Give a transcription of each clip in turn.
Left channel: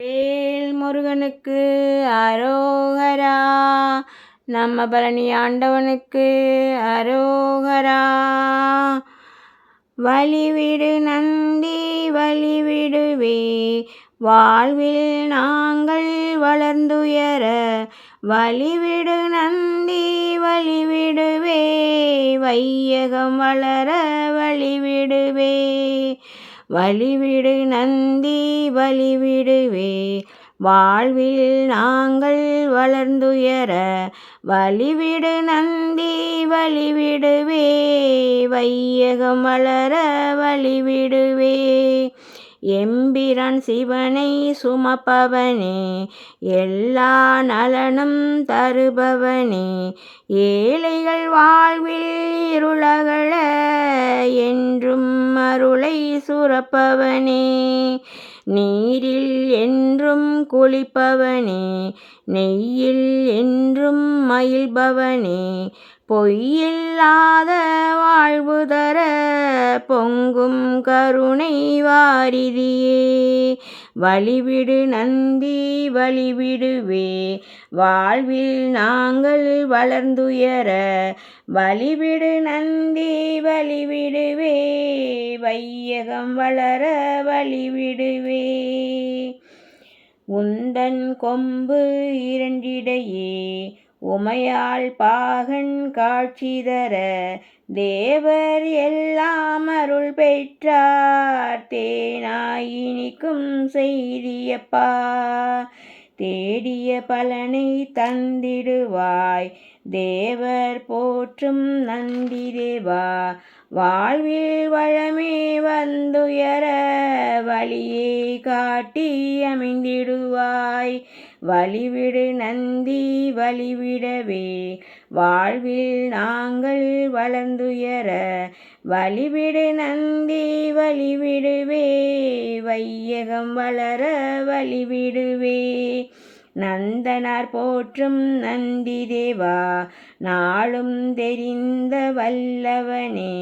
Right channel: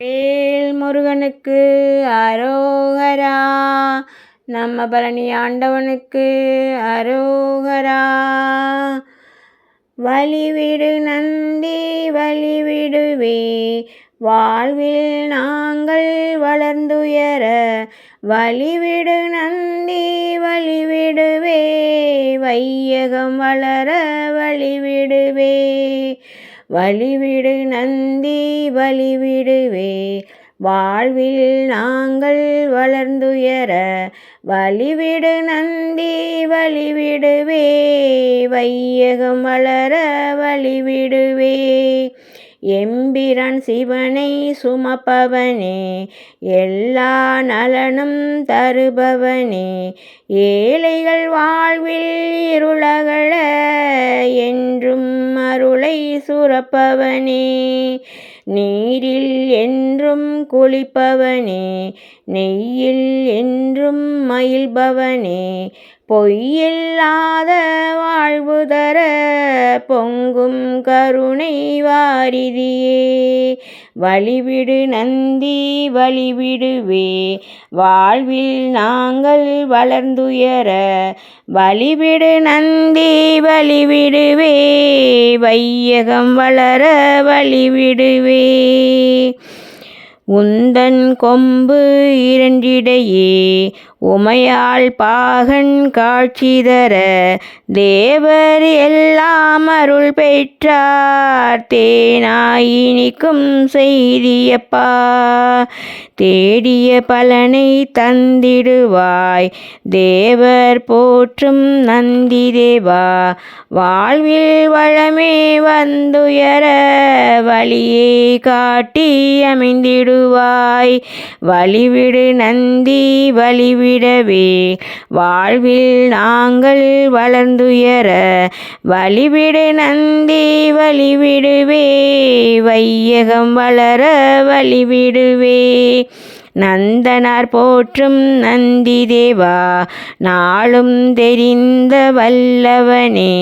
வேல் முருகனுக்கு அரோகரா. நம்ம பழனி ஆண்டவனுக்கு அரோகரா. வழிவிடு நந்தி வழிவிடுவே, வாழ்வில் நாங்கள் வளர்ந்துயர. வழிவிடு நந்தி வழிவிடுவே, வையகம் வளர வழிவிடுவே. வழிவிடு நந்தி வழிவிடுவே, வாழ்வில் நாங்கள் வளர்ந்துயர. வழிவிடு நந்தி வழிவிடுவே, வையகம் வளர வழிவிடுவே. எம்பிரான் சிவனை சுமப்பவனே, எல்லா நலனும் தருபவனே. ஏழைகள் வாழ்வில் இருளகல, என்றும் அருளை சுரப்பவனே. நீரில் என்றும் குளிப்பவனே, நெய்யில் என்றும் மகிழ்பவனே. பொய்யில்லாத வாழ்வு தர, பொங்கும் கருணை வாரிதியே. வழிவிடு நந்தி வழிவிடுவே, வாழ்வில் நாங்கள் வளர்ந்துயர. வழிவிடு நந்தி வழிவிடுவே, வையகம் வளர வழிவிடுவே. உந்தன் கொம்பு இரண்டிடையே, உமையாள் பாகன் காட்சி தர. தேவர் எல்லாம் அருள் பெற்றார், தேனாய் இனிக்கும் செய்தியப்பா. தேடிய பலனை தந்திடுவாய், தேவர் போற்றும் நந்தி தேவா. வாழ்வில் வளமே வந்துயர, வழியை காட்டி அமைந்திடுவாய். வழிவிடு நந்தி வழிவிடவே, வாழ்வில் நாங்கள் வளர்ந்துயர. வழிவிடு நந்தி வழிவிடுவே, வையகம் வளர வழிவிடுவே. நந்தனார் போற்றும் நந்தி தேவா, நாளும் தெரிந்த வல்லவனே.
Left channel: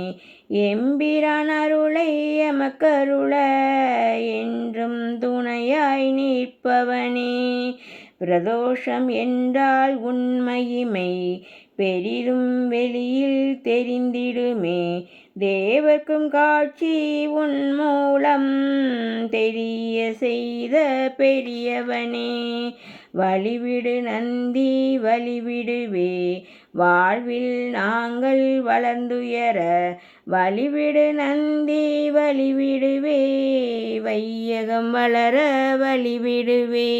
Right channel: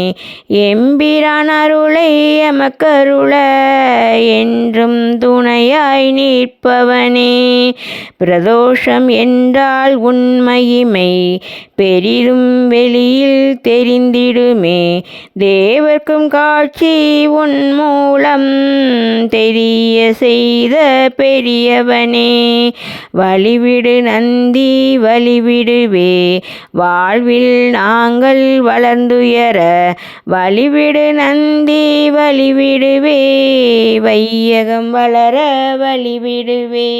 எம்பிரான் அருளை எமக்கருள, என்றும் துணையாய் நிற்பவனே. பிரதோஷம் என்றால் உன் மகிமை, பெரிதும் வெளியில் தெரிந்திடுமே. தேவர்க்கும் காட்சி உன் மூலம், தெரிய செய்த பெரியவனே. வழிவிடு நந்தி வழிவிடுவே, வாழ்வில் நாங்கள் வளர்ந்துயர. வழிவிடு நந்தி வழிவிடுவே, வையகம் வளர வழிவிடுவே.